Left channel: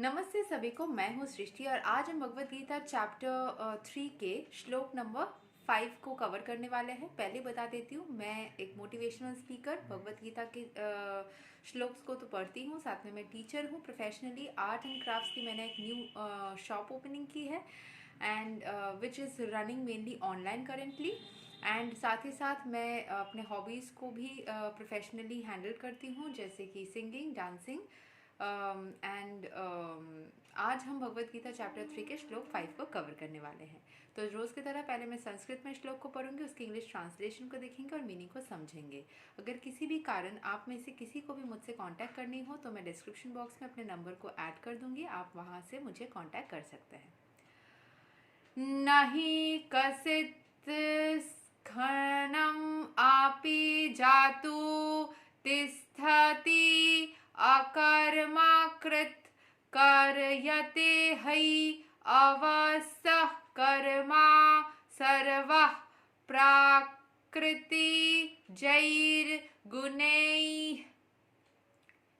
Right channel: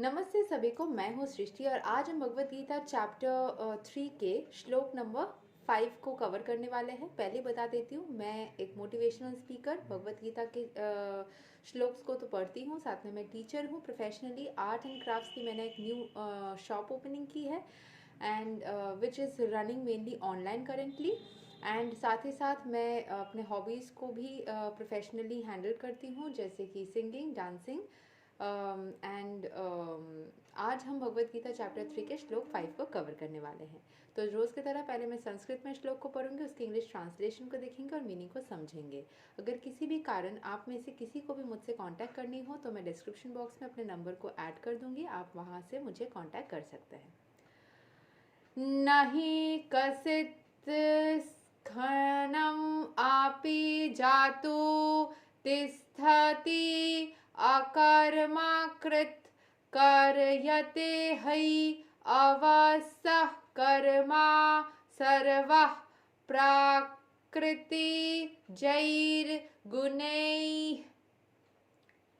नमस्ते सभी को। मैं हूँ सृष्टि और आज हम भगवत गीता चैप्टर 3 के श्लोक नंबर 5 को कवर करने वाले हैं। पहले बता देती हूँ, मैं एक मोटिवेशनल स्पीकर, भगवत गीता के श्लोक्स को तो पढ़ती हूँ, साथ में मैं टीचर हूँ। प्रोफेशनली आर्ट एंड क्राफ्ट्स की मैंने एक न्यू शॉप ओपनिंग की है and which is running mainly online currently. And साथ ही साथ मैं अपने हॉबीज़ को भी प्रोफेशनली हैंडल करती हूँ, जैसे कि सिंगिंग, डांसिंग एंड आज हम भगवत गीता चैप्टर 3 के श्लोक 5 को कवर करने वाले हैं। तो रोज़ की तरह पहले मैं संस्कृत में श्लोक को पढ़ूंगी, उसकी इंग्लिश ट्रांसलेशन को देखेंगे और मीनिंग को समझेंगे। अगर किसी भी कारण आप में से किसी को भी मुझसे कांटेक्ट करनी हो तो मैं डिस्क्रिप्शन बॉक्स में अपने नंबर को ऐड कर दूंगी, आप वहां से मुझे कांटेक्ट कर सकते हैं। नहीं कसित स्खनम आपि जातु तिष्ठति अकर्माकृत कर्यते हई अवसः कर्मा सर्वः प्राकृति जैर्गुणैः।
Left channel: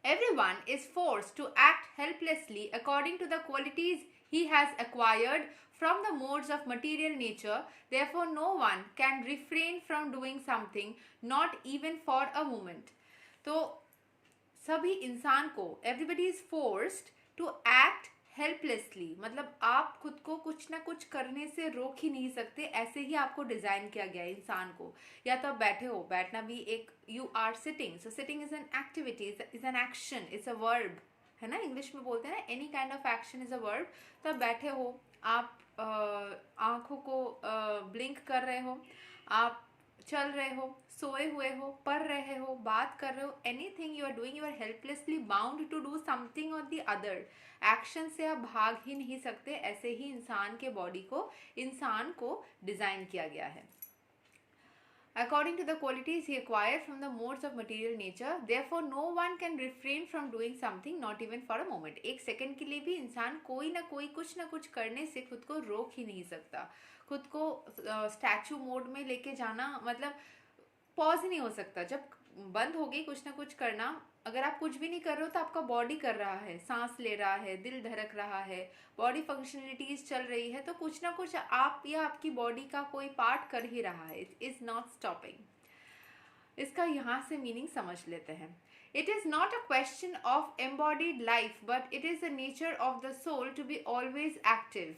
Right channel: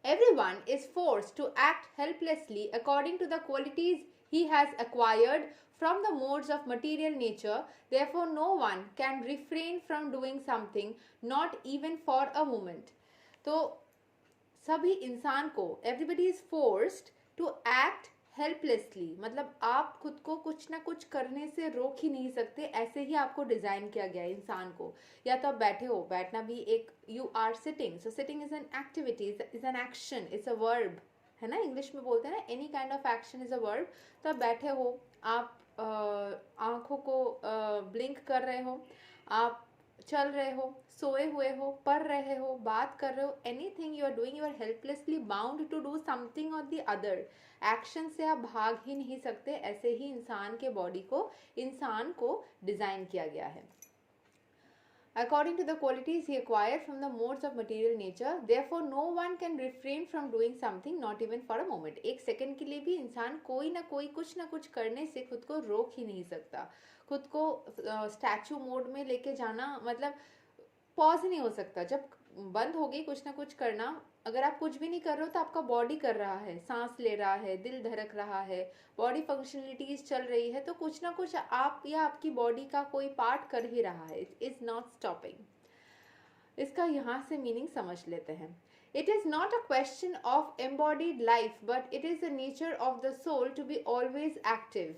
Everyone is forced to act helplessly according to the qualities he has acquired from the modes of material nature. Therefore, no one can refrain from doing something, not even for a moment. तो सभी इंसान को, everybody is forced to act helplessly, मतलब आप खुद को कुछ ना कुछ करने से रोक ही नहीं सकते, ऐसे ही आपको डिजाइन किया गया है इंसान को। या तो आप बैठे हो, बैठना भी एक, you are sitting, so sitting is an activity, is an action, it's a verb, है ना, इंग्लिश में बोलते हैं ना, any kind of action is a verb. तो आप बैठे हो, आप आंखों को ब्लिंक कर रहे हो, आप चल रहे हो, सोए हुए हो, पढ़ रहे हो, बात कर रहे हो, anything you are doing, you are helplessly bound to do something और द अदर। एक्शन से आप भाग ही नहीं सकते। ऐसे ही इंसान के बॉडी को, इंसान को डिजाइन किया गया है। According to the qualities he acquired from the modes of material nature, therefore no one can refrain from doing something, not even for a moment. एक सेकंड के लिए भी इंसान कोई ना कोई कुछ ना कुछ करने से खुद को रोक ही नहीं सकता। खुद को स्टैचू मोड में लेके जाना, मतलब पॉज ही नहीं हो सकता। जब बंद हो गई कुछ ना कुछ करना, अगर आप कुछ भी नहीं कर रहे हो तो आपका बॉडी कर रहा है, सांस ले रहा है, दिल धड़क रहा है, बॉडी फंक्शनलिटीज चल रही है, तो कुछ ना कुछ आप या आपकी बॉडी का कोई पार्ट कर ही रहा है। It is not stopping. इसका यहाँ से मीनिंग समझ लेते हैं। It is not a question of embodied life, but it is the nature of the soul to be always active.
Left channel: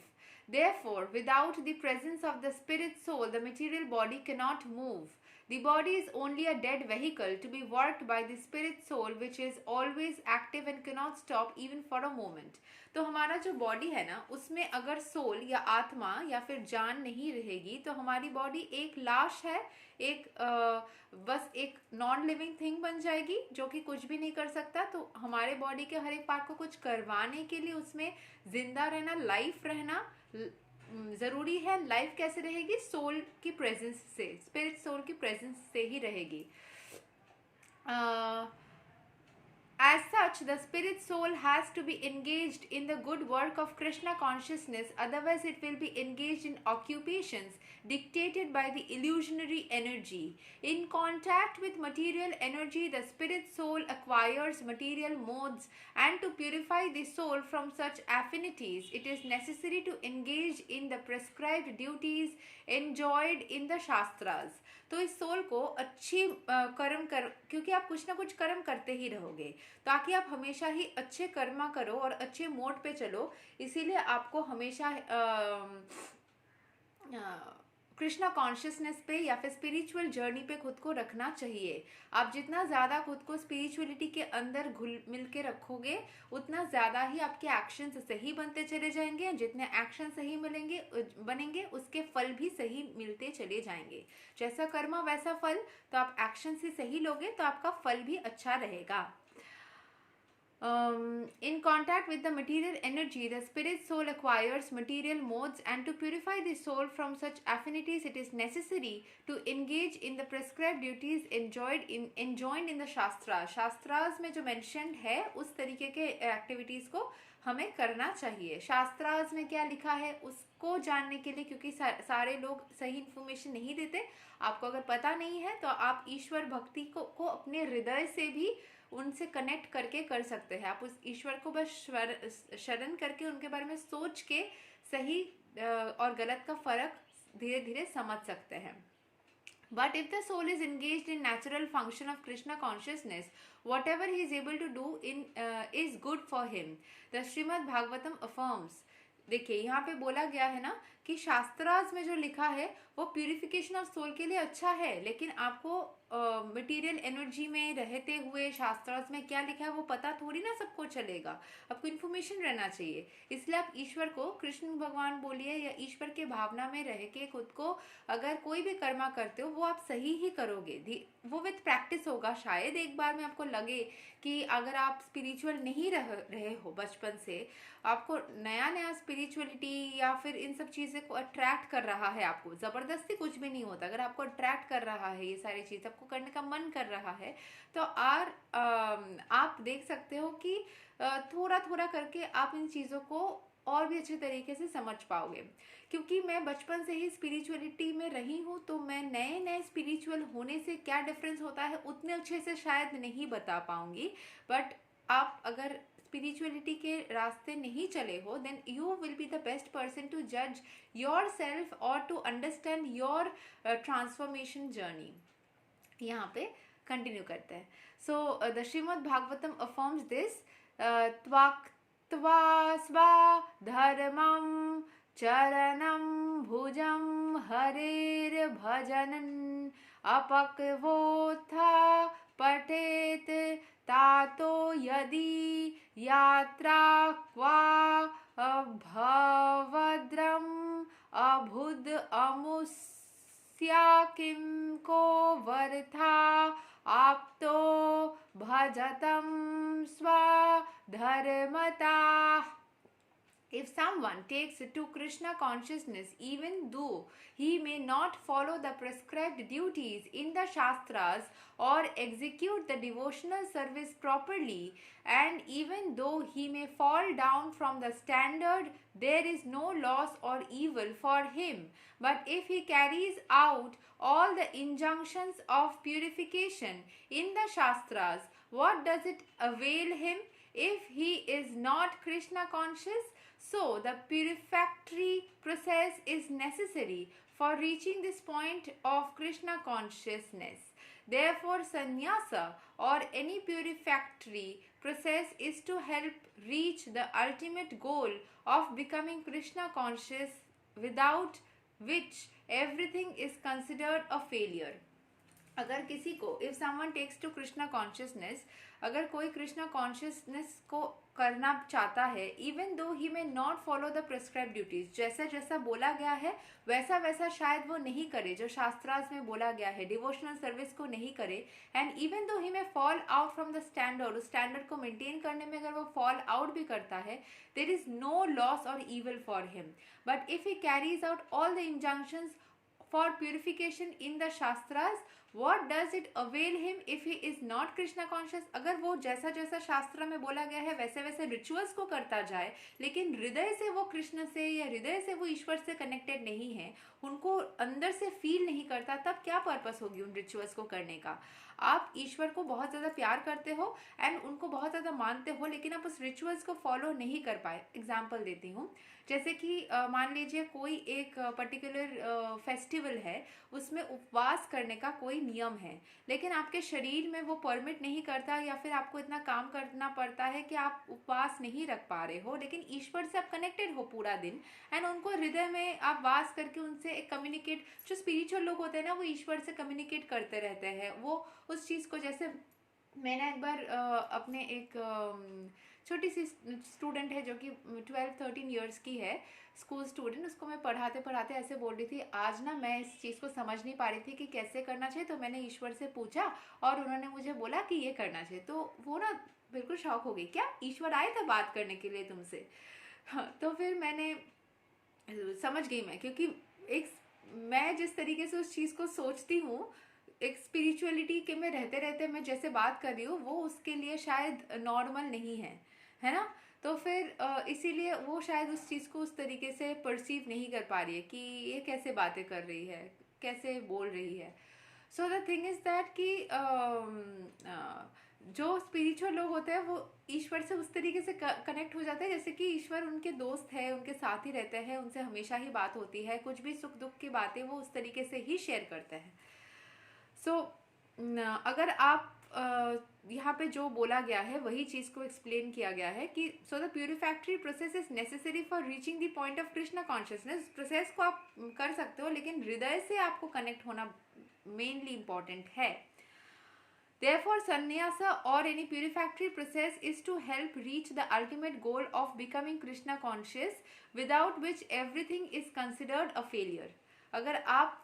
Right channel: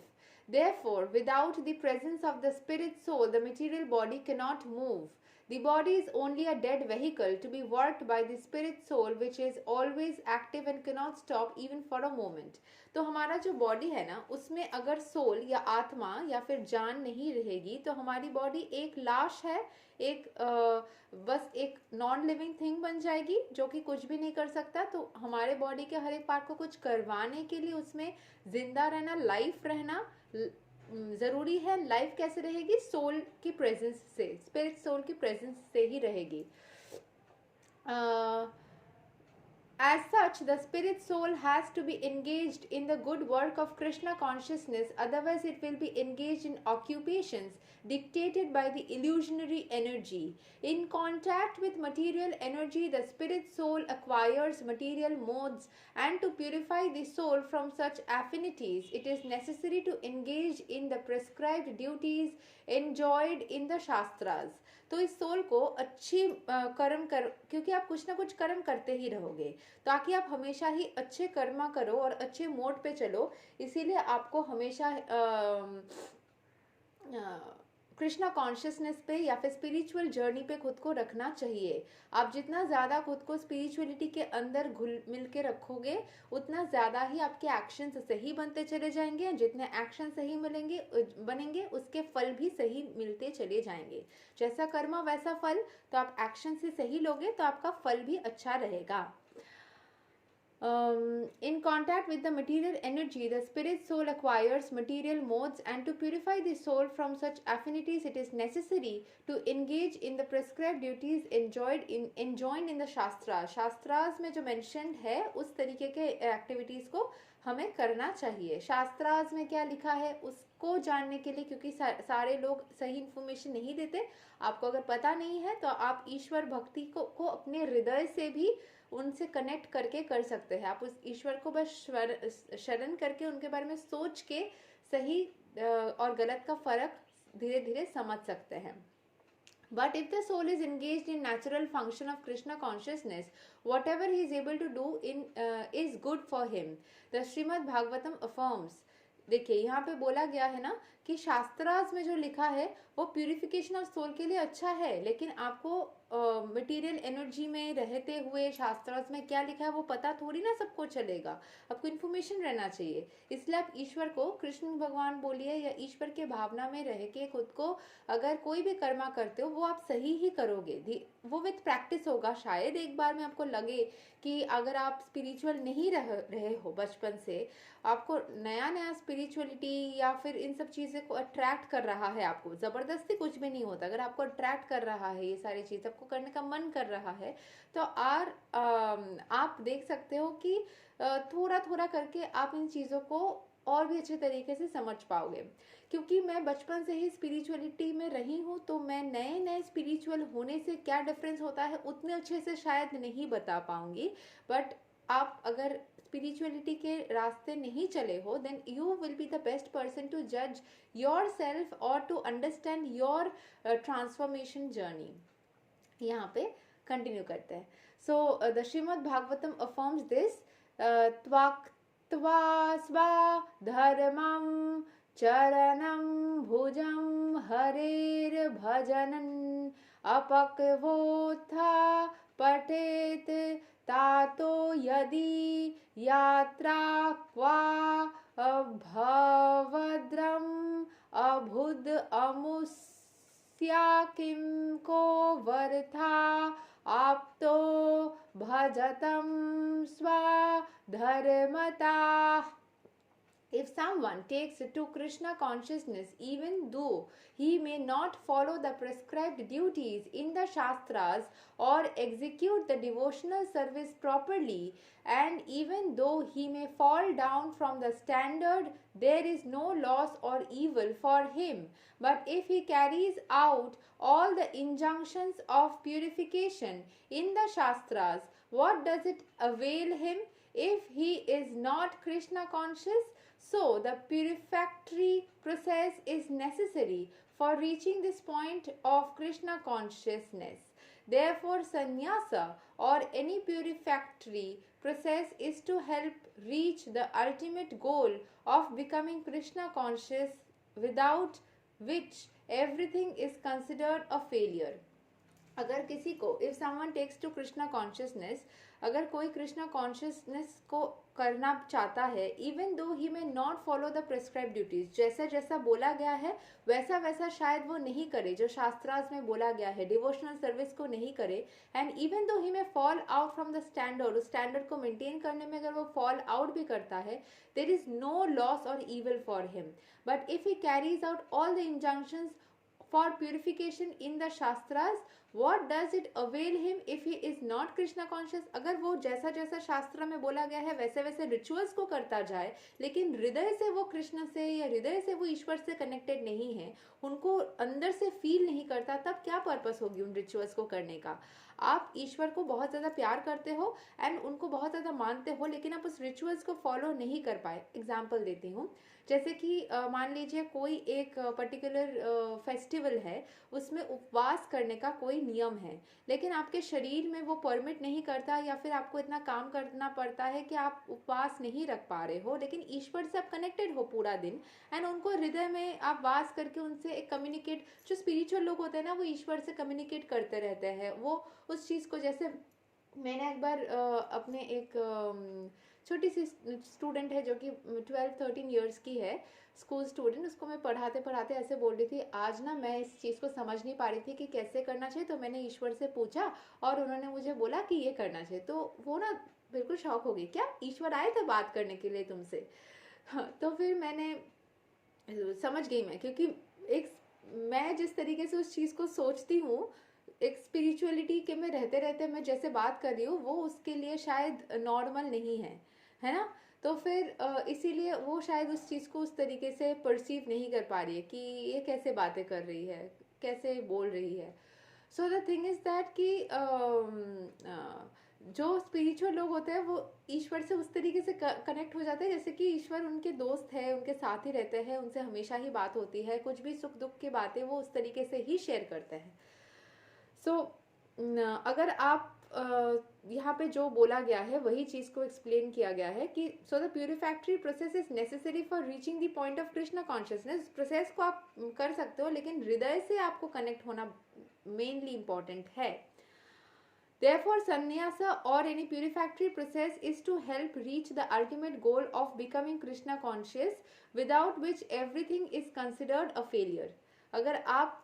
Therefore, without the presence of the spirit soul, the material body cannot move. The body is only a dead vehicle to be worked by the spirit soul, which is always active and cannot stop even for a moment. तो हमारा जो body है ना, उसमें अगर soul या आत्मा या फिर जान नहीं रहेगी तो हमारी बॉडी एक लाश है, एक बस एक नॉन लिविंग थिंग बन जाएगी जो कि कुछ भी नहीं कर सकता। तो हमारे बॉडी के हर एक पार्ट को कुछ करवाने के लिए उसमें जिंदा रहना, लाइफ रहना जरूरी है। लाइफ कैसे रहेगी? सोल की प्रेजेंस से, स्पिरिट सोल की प्रेजेंस से ही रहेगी। As such, the spirit soul has to be engaged in the good work of Krishna consciousness, otherwise it will be engaged in occupations dictated by the illusionary energy. In contact with material energy, the spirit soul acquires material modes, and to purify the soul from such affinities, it is necessary to engage in the prescribed duties enjoined in the Shastras. तो इस soul को अच्छी कर्म कर, क्योंकि आप कुछ ना कुछ कर्म करते ही रहोगे, ताकि आप हमेशा ही अच्छे कर्मा करो और अच्छे मोड पे चलो। इसीलिए आपको हमेशा कृष्णा कॉन्शियसनेस पे या फिर स्पिरिचुअल जर्नी पे खुद को रखना चाहिए। आप जितना ज़्यादा खुद को स्पिरिचुअलिटी के अंदर घुल मिल के रखोगे, उतना ज़्यादा ही आपके एक्शन सही बनते चले जाएंगे। जितने एक्शन सही बनेंगे उसके फल भी सही मिलते चले जाएंगे। जैसा कर्मा वैसा फल, तो आप एक्शन से सही लोगे तो आपका फल भी अच्छा रहेगा। In contact with the material energy, the spirit soul acquires material modes, and to purify the soul from such affinities, it is necessary to engage in the prescribed duties enjoined in the Shastras. Shastras में जो mentioned है, उस तरीके के activities को हमें करना चाहिए। शास्त्रास में क्या लिखा है उसको जानने के लिए, क्योंकि सारे लोग सही इन्फॉर्मेशन नहीं देते, आपको अगर पता नहीं है तो आप ईश्वर भक्ति को अपने हृदय से भी उनसे कनेक्ट करके कर सकते हैं। आप उस ईश्वर को बस शरण करके उनके बारे में सोच के सही और गलत का फर्क धीरे धीरे समझ सकते हैं। But if the soul is engaged in natural function of Krishna consciousness, whatever he is able to do is good for him. The Srimad Bhagavatam affirms. देखिए यहाँ पे बोला गया है ना कि शास्त्रार्थ में जो लिखा है वो प्यूरिफिकेशन ऑफ सोल के लिए अच्छा है, लेकिन आपको मटेरियल एनर्जी में रहते हुए शास्त्रार्थ में क्या लिखा है वो पता थोड़ी ना सबको चलेगा। आपको इन्फॉर्मेशन रहना चाहिए। इसलिए आप ईश्वर को कृष्ण भगवान बोलिए या ईश्वर के भावना में रह के खुद को अगर कोई भी कर्मा करते हो वो आप सही ही करोगे। वो विथ प्रैक्टिस होगा। शायद एक बार में आपको लगे कि अगर आप स्पिरिचुअल नहीं रहे हो बचपन से, आपको नया नया स्पिरिचुअलिटी या फिर इन सब चीज़ें को अट्रैक्ट कर रहा है, आपको ज़बरदस्ती कुछ भी नहीं होता, अगर आपको अट्रैक्ट कर रहा है ये सारी चीज़, आपको करने का मन कर रहा है, तो आप देख सकते हो कि थोड़ा थोड़ा करके आप इन चीज़ों को और भी अच्छे तरीके से समझ पाओगे। क्योंकि मैं बचपन से ही स्पिरिचुअलिटी में रही हूँ, तो मैं नए नए स्पिरिचुअल होने से क्या डिफरेंस होता है उतने अच्छे से शायद नहीं बता पाऊंगी। बट आप अगर स्पिरिचुअलिटी के रास्ते नहीं चले हो, then you will be the best person to जज योर सेल्फ और to understand your transformation journey. यहाँ पे कंटिन्यू करते हैं। So the Shrimad Bhagavatam affirms this, त्वा स्वा धर्मं चरणं भुजं हरेर भजनन् अपक्वोत्था पठेत तातो यदि यात्रा क्वा भवद्रम् अभुद अमुस्या किं को वर्था आप्तो भजतं स्वधर्मता। If someone takes to Krishna consciousness, even though he may not follow the prescribed duties in the Shastras or execute the devotional service properly, and even though he may fall down from the standard, there is no loss or evil for him. But if he carries out all the injunctions of purification in the Shastras, what does it avail him if he is not Krishna conscious? So, the purificatory process is necessary for reaching this point of Krishna consciousness. Therefore, sannyasa or any purificatory process is to help reach the ultimate goal of becoming Krishna conscious, without which everything is considered a failure. अगर किसी को if someone takes to Krishna consciousness, अगर कोई Krishna consciousness को करना चाहता है, even though he में not follow the prescribe duties, जैसा जैसा बोला गया है वैसा वैसा शायद वो नहीं करे जो शास्त्रार्थ में बोला गया है, डिवोशनल सर्विस को नहीं करे, and even though he may fall out from the standard, उस स्टैंडर्ड को मेंटेन करने में अगर वो फॉल आउट भी करता है, there is no loss or evil for him. But if he carries out all the injunctions for purification in the shastras, what does it avail him if he is not Krishna conscious? अगर वो जैसा जैसा शास्त्र में बोला गया है वैसे वैसे रिचुअल्स को करता जाए, लेकिन हृदय से वो कृष्ण से या हृदय से वो ईश्वर से कनेक्टेड नहीं है, उनको अंदर से फील नहीं करता, तब क्या पर्पस होगी उन रिचुअल्स को करने का? आप ईश्वर को बहुत ज़्यादा प्यार करते हो एंड उनको बहुत ज़्यादा मानते हो, लेकिन आप उस रिचुअल्स को फॉलो नहीं कर पाए. एग्जाम्पल देती हूँ, जैसे कि मान लीजिए कोई एक पर्टिकुलर फेस्टिवल है, उसमें उपवास करने का कोई नियम है, लेकिन आपके शरीर में वो परमिट नहीं करता, या फिर आपको इतना काम करना पड़ता है कि आप उपवास नहीं रख पा रहे हो, लेकिन ईश्वर से आप कनेक्टेड हो पूरा दिन, एंड उनको हृदय में आप वास करके उनसे एक कम्युनिकेट, जो स्पिरिचुअल लोग होते हैं ना, वो ईश्वर से कम्युनिकेट करते रहते हैं. वो उस चीज़ को, जैसे मैंने एक बार अपने एक छोटी सी स्टूडेंट है जो कि 12-13 ईयर्स की है, स्कूल स्टूडेंट, उसको मैं पढ़ाते पढ़ाते ऐसे बोल रही थी, आज ना मैं इस चीज़ को समझ नहीं पा रही थी कि कैसे करना चाहिए, तो मैंने ईश्वर से पूछा और उन्होंने मुझे बोला कि ये करना चाहिए. तो वो ना बिल्कुल शॉक हो गई, क्या ईश्वर आए थे बात करने के लिए तुमसे? हाँ, तो फिर मैंने समझ गई मैं, क्योंकि मैं जिस तरीके से उस चीज़ को सोचती हूँ, एक स्पिरिचुअलिटी के में रहते रहते मैं जैसे बात कर रही हूँ, वो उसके लिए शायद नॉर्मल नहीं है ना. तो फिर इसीलिए वो शायद उस चीज़ को उस तरीके से परसीव नहीं कर पा रही है कि ये कैसे बातें कर रही है, कैसे बोल रही है. So the thing is that कि जो स्पिरिचुअल लोग होते हैं वो ईश्वर से उस तरीके से कनेक्ट हो जाते हैं जैसे कि ईश्वर उनके दोस्त है, उनके साथ ही रहते हैं, उनसे हमेशा ही बात होती है, कुछ भी सुख दुख की बातें वो उस तरीके से ही शेयर करते हैं। सो अगर आप यहाँ पे जो बोला गया है वही चीज़ को एक्सप्लेन किया गया है कि so the purificatory process is necessary for reaching the point of Krishna consciousness. Process को आप कर सकते हो लेकिन हृदय से आपको कनेक्ट होना मेनली इंपॉर्टेंट है। Therefore, sannyasa or any purificatory process is to help reach the ultimate goal of becoming Krishna conscious, without which everything is considered a failure. अगर आप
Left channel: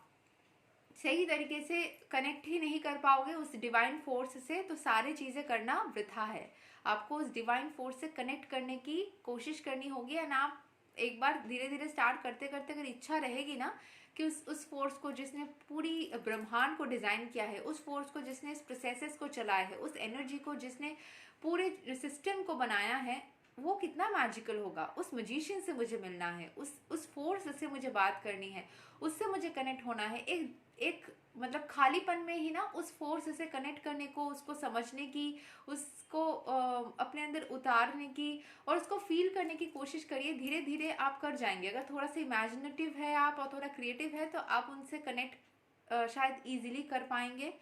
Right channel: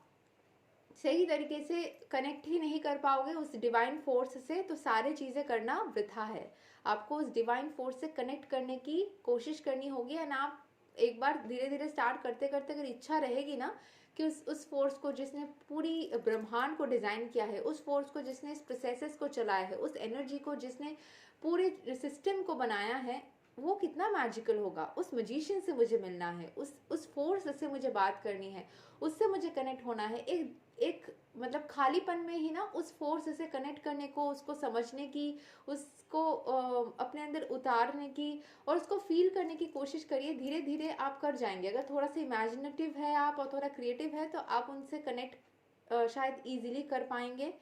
सही तरीके से कनेक्ट ही नहीं कर पाओगे उस डिवाइन फोर्स से तो सारी चीज़ें करना वृथा है। आपको उस डिवाइन फोर्स से कनेक्ट करने की कोशिश करनी होगी एंड आप एक बार धीरे धीरे स्टार्ट करते करते अगर इच्छा रहेगी ना कि उस फोर्स को जिसने पूरी ब्रह्मांड को डिज़ाइन किया है, उस फोर्स को जिसने इस प्रोसेसेस को चलाया है, उस एनर्जी को जिसने पूरे सिस्टम को बनाया है, वो कितना मैजिकल होगा। उस मजिशियन से मुझे मिलना है, उस फोर्स से मुझे बात करनी है, उससे मुझे कनेक्ट होना है। एक मतलब खालीपन में ही ना उस फोर्स से कनेक्ट करने को, उसको समझने की, उसको अपने अंदर उतारने की और उसको फील करने की कोशिश करिए। धीरे धीरे आप कर जाएंगे। अगर थोड़ा सा इमेजिनेटिव है आप और थोड़ा क्रिएटिव है तो आप उनसे कनेक्ट शायद इजीली कर पाएंगे,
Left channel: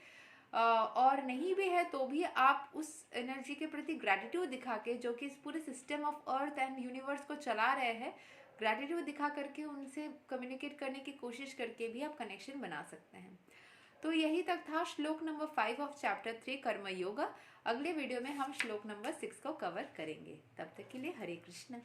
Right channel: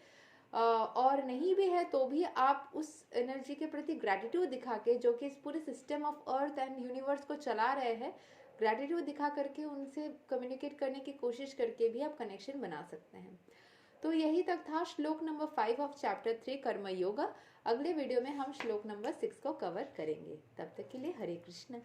और नहीं भी है तो भी आप उस एनर्जी के प्रति ग्रैटिट्यूड दिखा के, जो कि इस पूरे system of earth and universe को चला रहे हैं, ग्रैटिट्यूड दिखा करके उनसे कम्युनिकेट करने की कोशिश करके भी आप कनेक्शन बना सकते हैं। तो यही तक था श्लोक नंबर 5 ऑफ चैप्टर 3 कर्म योगा। अगले वीडियो में हम श्लोक नंबर 6 को कवर करेंगे। तब तक के लिए हरे कृष्ण।